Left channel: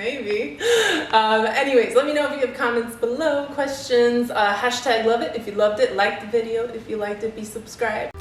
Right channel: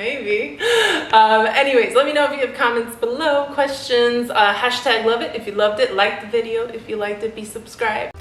Maybe. Anyways, let me know if you have comments below, questions, hashtag love it if you loved it, like the video if you liked it, be subscribed.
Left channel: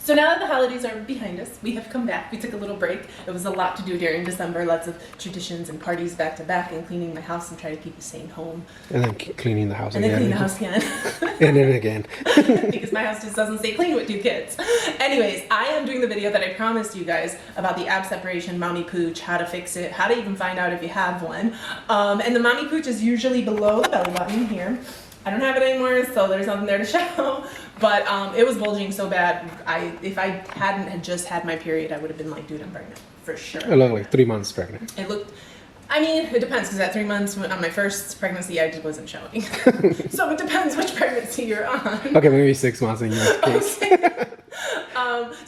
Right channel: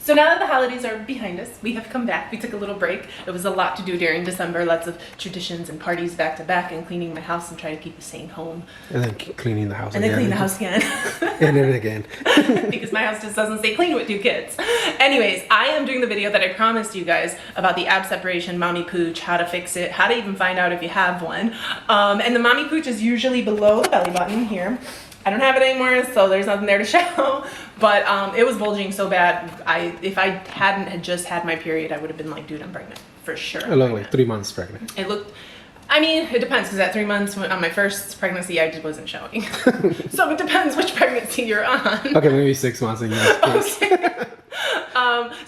So now that the holidays are behind us, we have come back. We took a little break. It was a lot to do during December, lots of traditions and parties back to back, and cleaning my house and trying to keep a sane home. And then cleaning the house and again. And then clean the house again. And then again. Because my house just doesn't stay clean with 2 kids. Anyways, I am doing the video that I promised you guys about the ab separation, mommy pooch, how to fix it, how to even find out if you have one. And the mommy pooch is usually below the belly button here. I don't have it anymore, so there's nothing there to show. But it was bulging so bad. If I hadn't just had my period, I would have been like, dude, I'm pregnant for sure. Along like 3 months pregnant. It looked. I mean, it depends, because at 3 months on my first pregnancy, I just wasn't showing. So it depends which pregnancy you're on. Okay, maybe 6 months. Okay.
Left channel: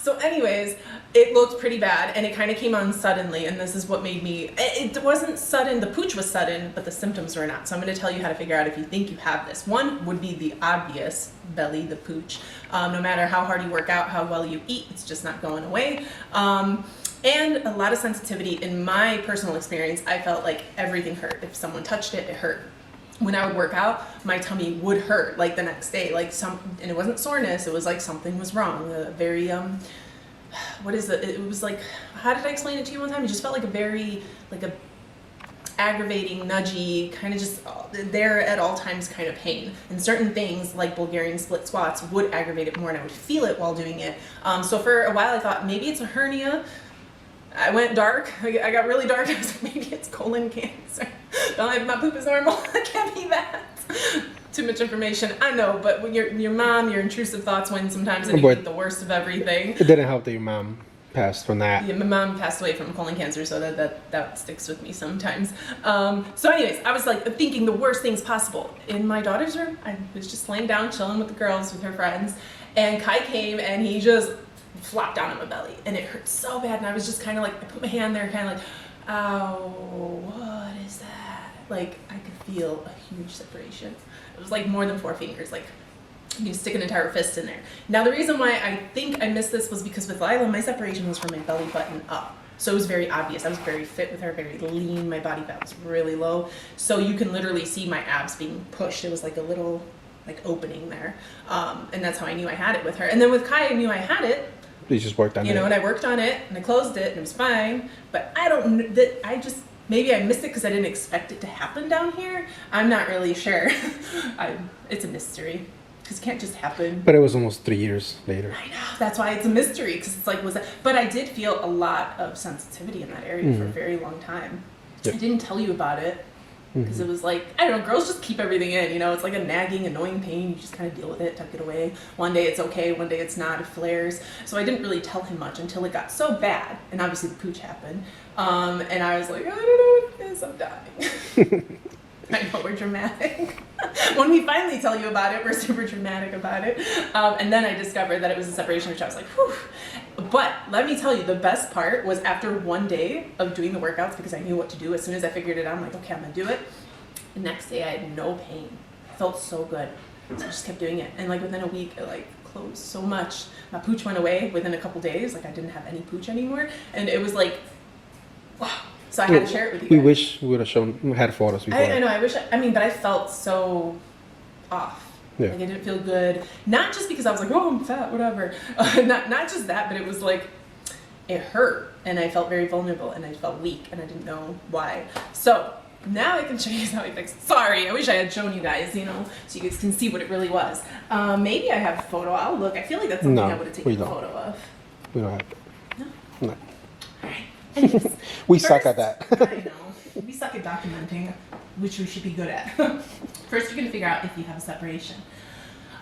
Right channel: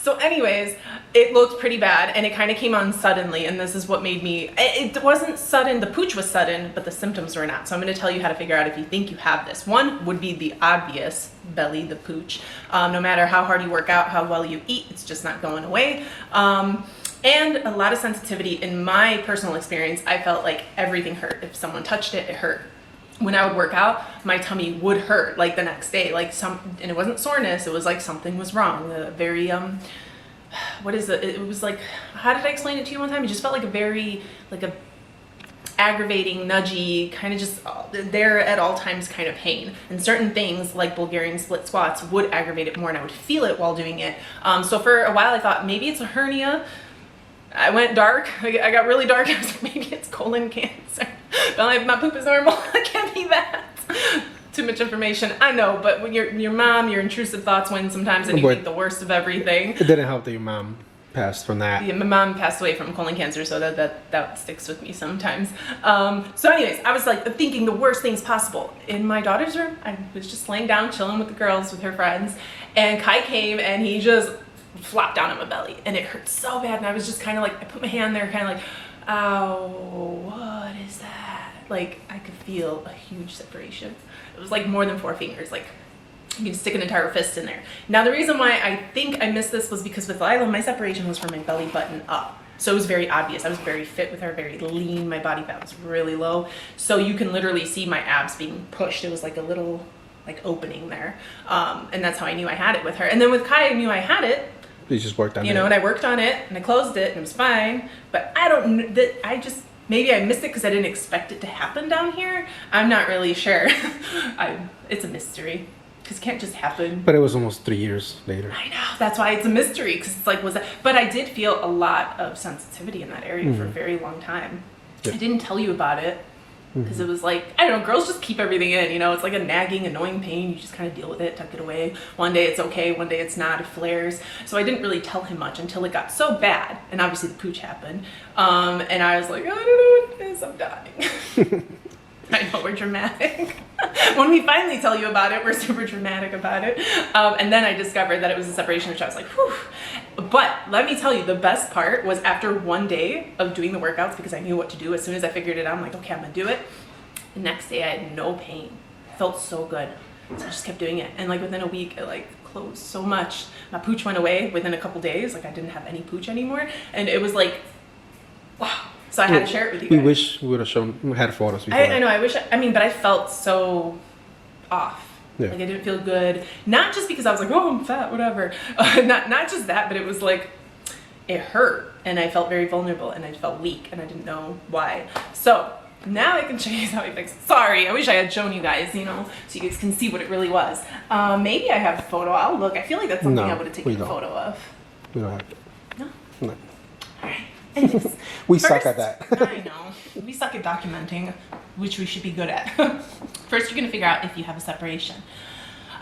So anyways, it looked pretty bad, and it kind of came on suddenly, and this is what made me, it wasn't sudden, the pooch was sudden, but the symptoms were not. So I'm going to tell you how to figure out if you think you have this. One would be the obvious belly, the pooch. No matter how hard you work out, how well you eat, it's just not going away. And a lot of sensitivity. In my personal experience, I felt like everything hurt. If someone touched it, it hurt. When I would work out, my tummy would hurt like the next day, and it wasn't soreness, it was like something was wrong. Very, what is it? It was like, how did I explain it to you one time? It just felt like a aggravating, nudgy, kind of just there at all times kind of pain. And certain things like Bulgarian split squats would aggravate it more, and I would feel it while doing it. So for a while I thought maybe it's a hernia. I went dark. I got really dark. I was like, maybe it's colon cancer. My poop is normal. It can't be that. Too much information. I know, but when your mom, your intrusive thoughts win sometimes, and you think the worst of everything. It didn't help that your mom passed from that. Yeah, my mom passed away from colon cancer, so that sticks with me sometimes. So anyways, I was like thinking the worst things possible. In my daughter's room, I was just laying down, chilling with the girls, with her friends, and Kai came and he just flopped down on my belly, and it hurt so bad, and I was just kind of like, I put my hand there, kind of like, ow, what is that? Like, I could feel a huge separation. It was like more than 4 fingers, like you could stick an entire fist in there. Now the reason why I think I missed this was because with Lila, my separation was from my belly button up. So it was very obvious. I was very fit with her, very lean. My body fat was really low. So you can literally see my abs being pushed. It was like a little like opening there. And that's how I knew I had it with her. And then with Kai, I knew I had it. You just worked on it. You know, and I worked on it, and I closed it, and it was fine. But maybe I missed it because I didn't expect it to happen down here. I'm not really sure. It's a mystery, because it can't just happen. But it was almost 3 years later. I know, that's why it's a mystery, because it's like, but I did feel a lot of sensitivity in that area for a very long time. I didn't tell you about it, because it was like, I don't know, girls just keep everything in, you know, it's like a nagging, annoying pain. You just kind of deal with it, tuck it away. One day it's okay, one day it's not, it flares. So I didn't really tell him much until it got so bad, and obviously the pooch happened. And I was like, I don't know what it is, I'm dying. I know, we're dramatic. When we finally tell you about it, we're super dramatic about it. And then I discovered that it was a separation, which I was like, whew. But let me tell you, the best part was after one day of doing the workouts, because I knew what to do. As soon as I figured it out, I'm like, okay, I'm gonna do it. The next day I had no pain. It felt so good. So I just kept doing it. And like within a week, it like closed so much. My pooch went away within a couple days. Like I didn't have any pooch anymore. And it was like, wow. So I had to share it with you guys. We wish we would have had photos before. I know, but I felt so off. Yeah. Like I didn't feel good. Not just because I was like, oh, I'm fat, whatever. Not just that, but it was like, it hurt. And I felt very vulnerable, and I felt weak, and I didn't know why. So now I can show you how I fixed it. Sorry, I wish I had shown you guys, you know, so you guys can see what it really was. Maybe I have a photo. I'll look. I feel like that's something I would have taken a photo of. We don't have it. No. All right. Anyways, we suck at that. I know. We suck at documenting, which we should be good at. First, you're going to figure out if you have a separation.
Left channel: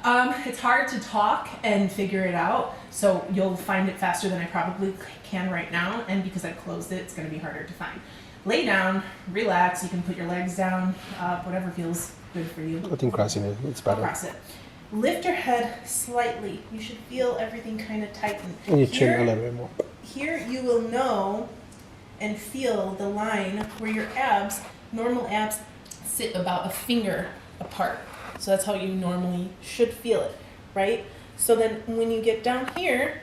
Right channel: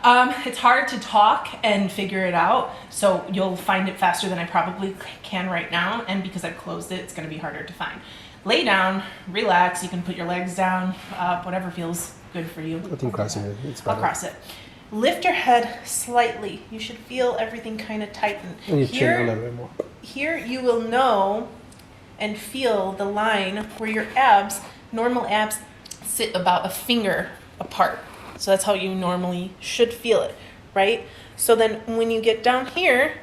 It's hard to talk and figure it out, so you'll find it faster than I probably can right now, and because I've closed it, it's going to be harder to find. Lay down, relax. You can put your legs down, whatever feels good for you. I think crossing it, it's better. I'll cross it. Lift your head slightly. You should feel everything kind of tighten. And your chin a little bit more. Here you will know and feel the line where your abs, normal abs, sit about a finger apart. So that's how you normally should feel it, right? So then when you get down here,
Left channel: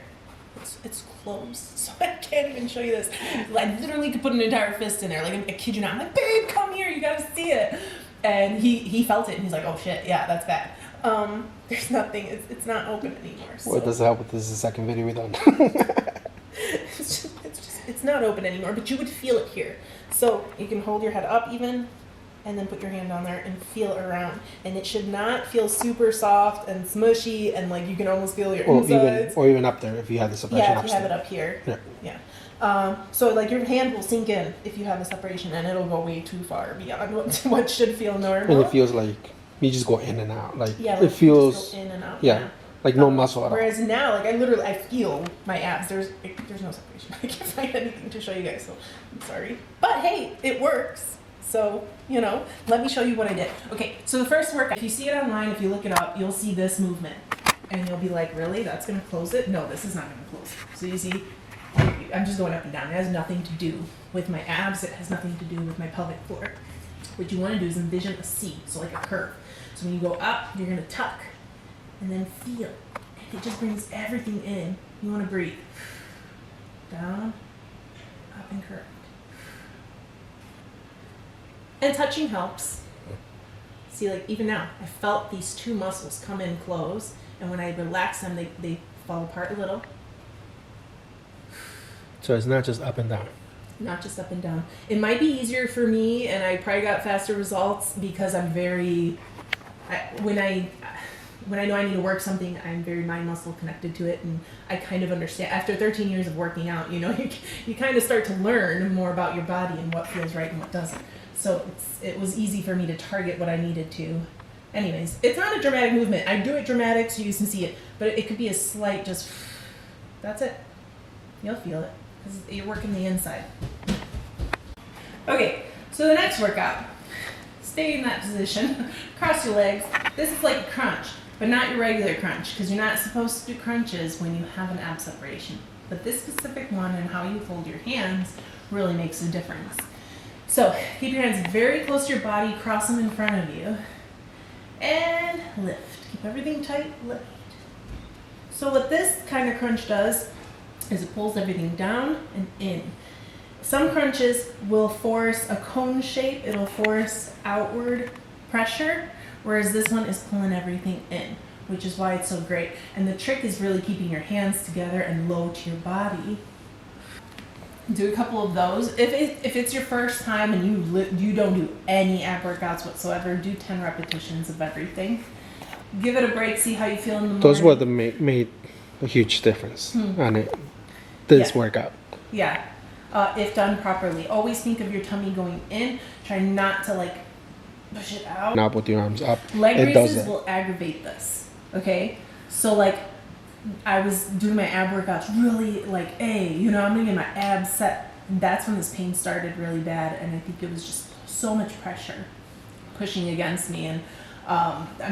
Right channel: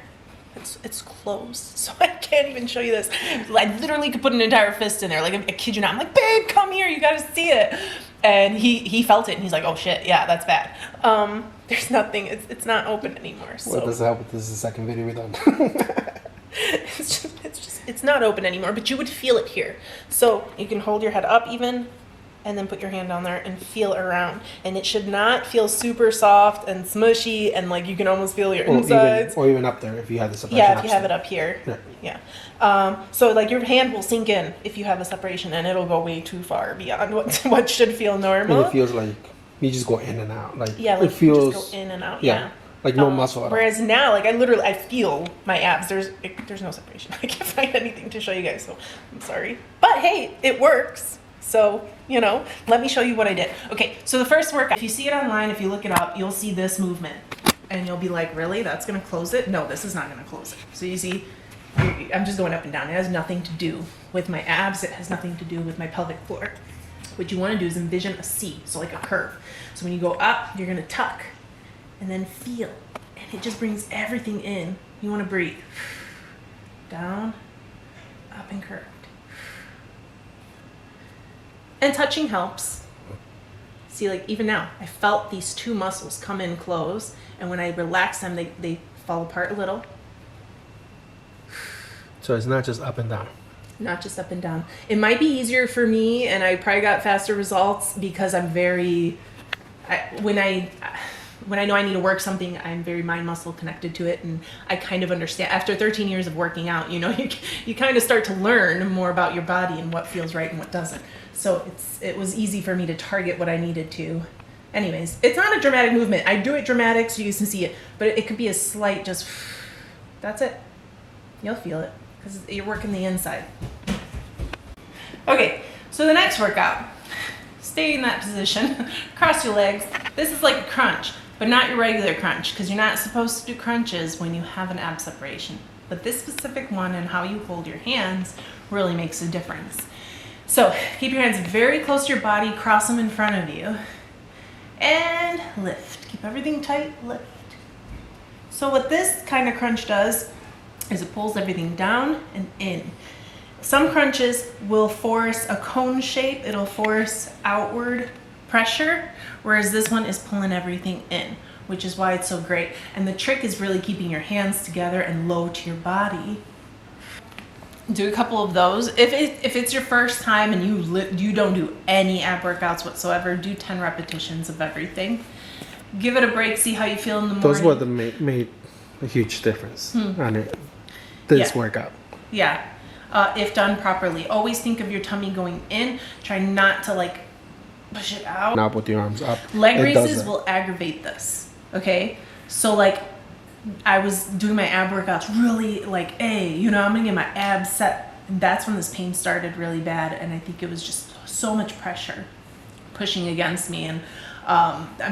it's closed. So I can't even show you this. I literally could put an entire fist in there. Like, I kid you not. I'm like, babe, come here. You got to see it. And he felt it, and he's like, oh, shit. Yeah, that's bad. There's nothing. It's not open anymore. So. What does help with this is the second video we done. It's not open anymore, but you would feel it here. So you can hold your head up even, and then put your hand down there and feel it around. And it should not feel super soft and smushy, and like you can almost feel your insides. Or even up there if you have the separation. Yeah, if you have it up here. Yeah. So like your hand will sink in if you have a separation, and it'll go way too far beyond what should feel normal. And it feels like you just go in and out. Like, yeah, it like feels you just go in and out. Yeah. Like no muscle at all. Whereas now, like I feel my abs. There's no separation. I can't find anything to show you guys, so I'm sorry. But hey, it works. So, let me show you what I did. Okay, so the first workout, if you see it online, if you look it up, you'll see this movement. And you'll be like, really? That's going to close it? No, this is not going to close it. So you see, I'm just going up and down. It has nothing to do with my abs. It has nothing to do with my pelvic floor. What you want to do is envision a C, so like a curve. So when you go up, you're going to tuck and then feel. And it just brings everything in. You want to breathe. Down, up and curved. And touching helps. See, like even now, I felt these two muscles come in close, and when I relax them, they fall apart a little. So it's not just up and down. Not just up and down. It might be easier for me, and I probably got faster results because I'm when I know I need to work something, I'm very mind muscle connected to it, and I kind of understand. After 13 years of working out, you kind of start to learn more about your body and what feels right and what doesn't. So it was easy for me to target what I needed to. Anyways, it's not a dramatic movement. I do it dramatic so you can see it, but it could be a slight just, that's it. You'll feel it because you're working the inside. Okay, so the next workout, stay in that position, cross your legs. This is like a crunch, but not your regular crunch because you're not supposed to do crunches when you have an ab separation. But this specific one and how you hold your hands really makes a difference. So keep your hands very close to your body, cross them in front of you, and lift. Keep everything tight, lift. So what this kind of crunch does is it pulls everything down and in. Some crunches will force a cone shape, it'll force outward pressure, whereas this one is pulling everything in, which is why it's so great. And the trick is really keeping your hands together and low to your body. Do a couple of those. If it's your first time and you don't do any ab workouts whatsoever, do 10 repetitions of everything. Give it a break, see how you feel in the morning. Those were the made a huge difference on it. This workout. Yeah. If done properly. Always think of your tummy going in. Try not to push it out. Not with your arms up. Leg raises will aggravate this. Okay? So I was doing my ab workouts really I'm gonna get my abs set. And that's when this pain started really bad. And I think it was just so much pressure pushing against me. And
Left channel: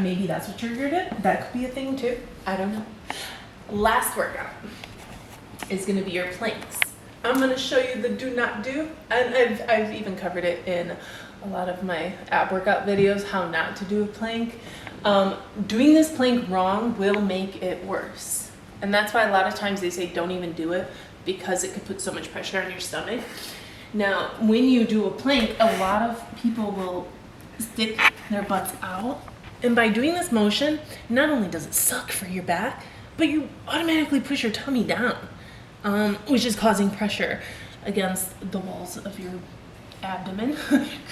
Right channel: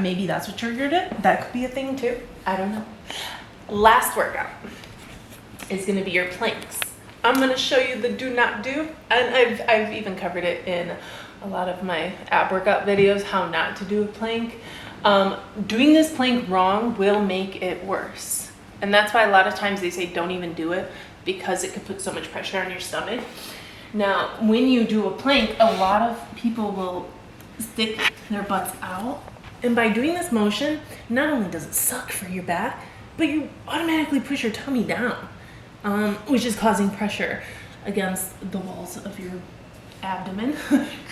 maybe that's what triggered it. That could be a thing too. I don't know. Last workout is gonna be your planks. I'm gonna show you the do not do. And I've even covered it in a lot of my ab workout videos, how not to do a plank. Doing this plank wrong will make it worse. And that's why a lot of times they say don't even do it because it could put so much pressure on your stomach. Now, when you do a plank, a lot of people will stick their butts out. And by doing this motion, not only does it suck for your back, but you automatically push your tummy down, which is causing pressure against the walls of your abdomen,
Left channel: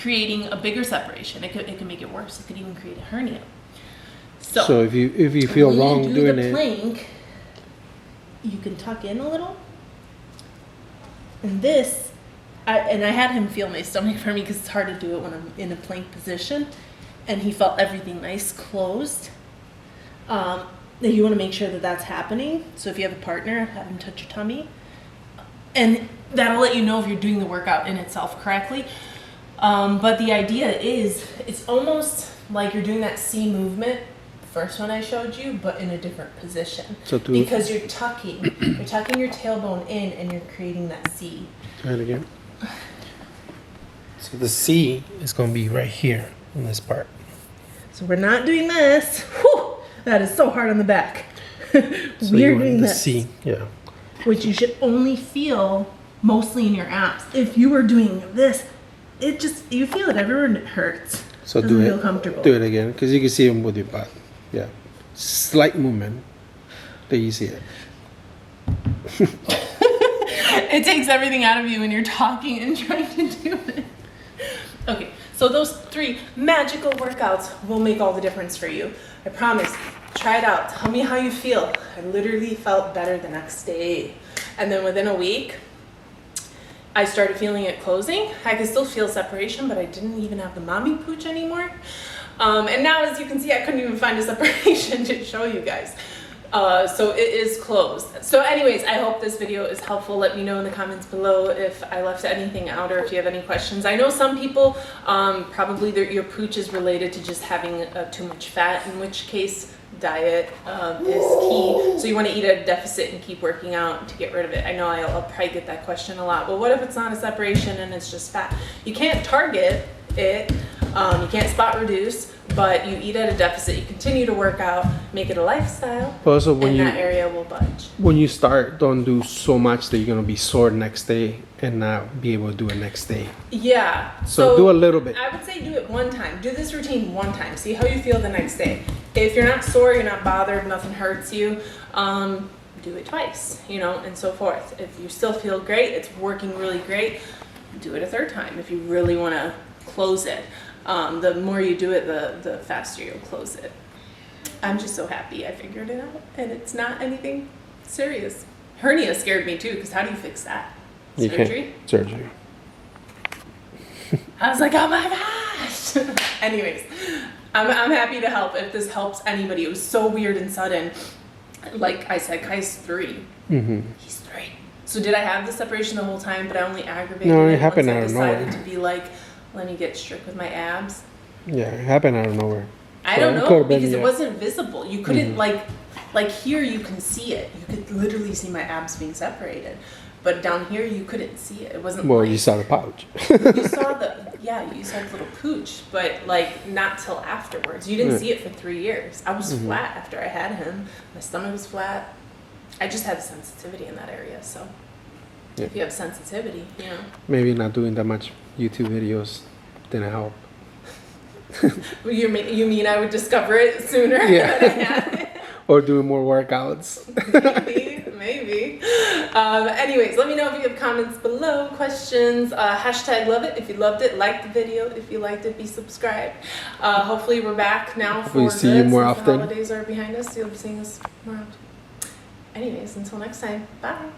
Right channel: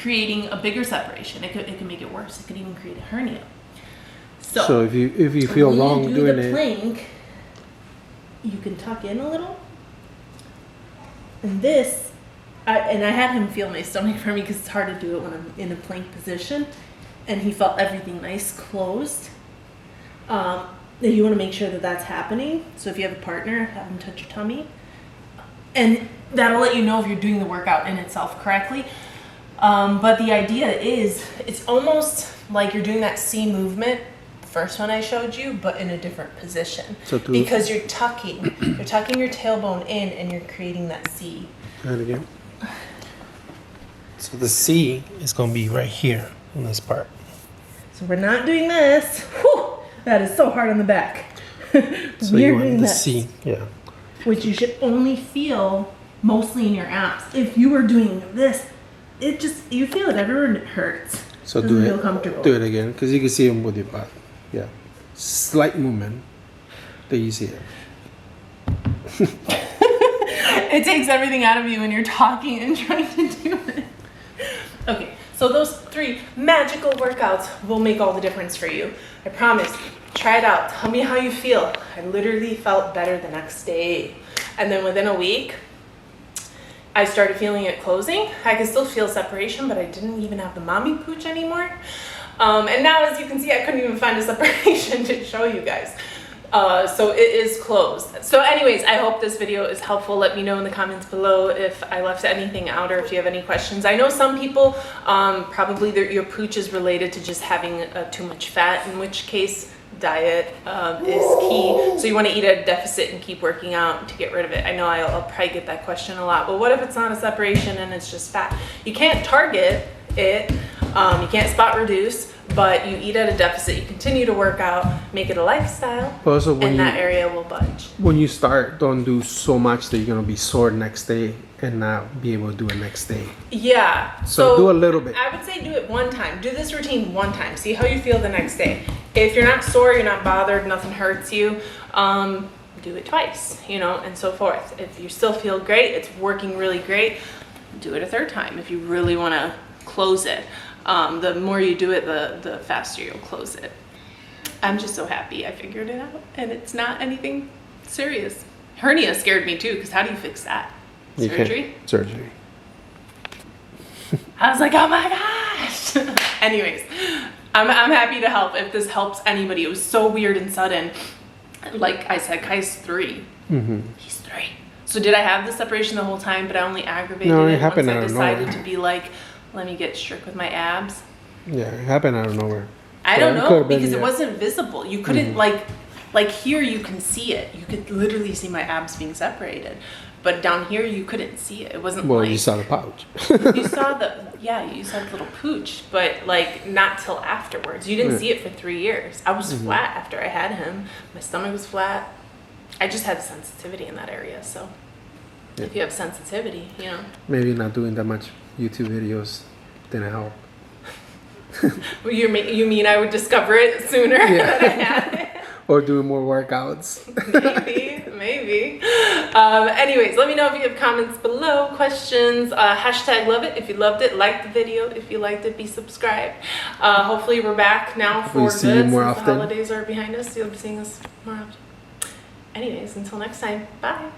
creating a bigger separation. It could make it worse. It could even create a hernia. So if you feel wrong doing it, plank, you can tuck in a little. And this, I had him feel my stomach for me because it's hard to do it when I'm in a plank position. And he felt everything nice closed. You want to make sure that that's happening. So if you have a partner, have him touch your tummy. And that'll let you know if you're doing the workout in itself correctly. But the idea is, it's almost like you're doing that C movement, first one I showed you, but in a different position. Because you're tucking your tailbone in and you're creating that C. Try it again. So the C is going to be right here on this part. So we're not doing this. Whew, that is so hard on the back. So you want the C, yeah. Which you should only feel mostly in your abs. If you were doing this, you feel it everywhere and it hurts. So Doesn't feel comfortable. do it again, because you can see them with your butt. Yeah, slight movement. There you see it. It takes everything out of you when you're talking and trying to do it. Okay, so those 3 magical workouts will make all the difference for you. I promise. Try it out. Tell me how you feel. I literally felt better the next day. And then within a week, I started feeling it closing. I could still feel separation, but I didn't even have the mommy pooch anymore. And now, as you can see, I couldn't even find a separation to show you guys. So it is closed. So anyways, I hope this video is helpful. Let me know in the comments below if I left anything out or if you have any questions. I know some people, probably your pooch is related to just having too much fat, in which case diet is key. So you want to eat at a deficit and keep working out to get rid of it. I know I'll probably get that question a lot. But what if it's not a separation and it's just fat? You can't target it. You can't spot reduce, but you eat at a deficit. You continue to work out, make it a lifestyle, Also, when and that area will budge. When you start, don't do so much that you're gonna be sore next day and not be able to do it next day. Yeah. So do a little bit. I would say do it one time. Do this routine one time. See how you feel the next day. If you're not sore, you're not bothered, nothing hurts you, do it twice, and so forth. If you still feel great, it's working really great, do it a 3rd time if you really want to close it. The more you do it, the faster you'll close it. I'm just so happy I figured it out, and it's not anything serious. Hernia scared me too, because how do you fix that? Surgery? Surgery. I was like, oh my gosh. Anyways, I'm happy to help if this helps anybody. It was so weird and sudden. Like I said, Kai's 3. Mm-hmm. He's 3. So did I have the separation the whole time, but I only aggravated No, it it happened once I out of decided nowhere. to be like, let me get strict with my abs? Yeah, it happened out of nowhere. I don't know, because it wasn't visible. You couldn't like here you can see it. You could literally see my abs being separated. But down here you couldn't see it. It wasn't Well, like you saw the pouch. you saw you saw the little pooch, but like not till afterwards. You didn't see it for 3 years. I was flat after I had him. My stomach was flat. I just had sensitivity in that area, so if you have sensitivity, Maybe not doing that much YouTube videos didn't help. You mean I would discover it sooner than I had it? Or doing more workouts. Maybe. Anyways, let me know if you have comments below, questions, hashtag love it if you loved it, like the video if you liked it, be subscribed. Hopefully we're back now for good, see you more since often. the holidays are behind us. You'll be seeing us more often. Anyways, until next time, bye.